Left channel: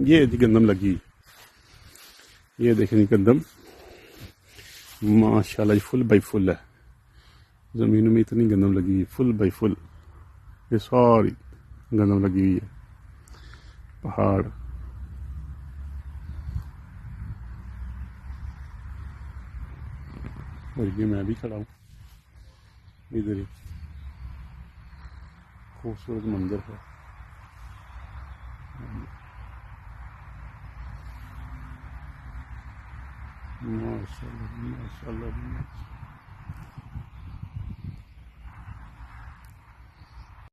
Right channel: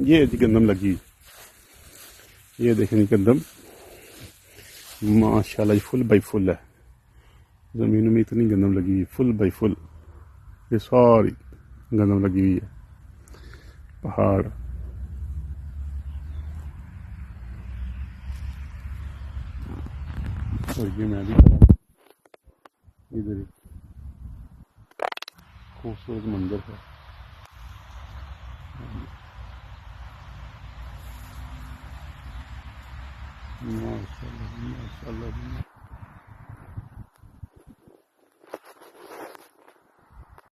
ये गंदम लगी, ये देखेंगे गंदम माशाल्लाह फुल बाई फुल है। ज़मीन में इतनी गंदम लगी है, फुल बाई फुल, ये सारी गंदम लगी हुई है। पहाड़ और ये मैं भी खड़ा हूँ, इधर खूबसूरत मंजर है। माशाल्लाह माशाल्लाह।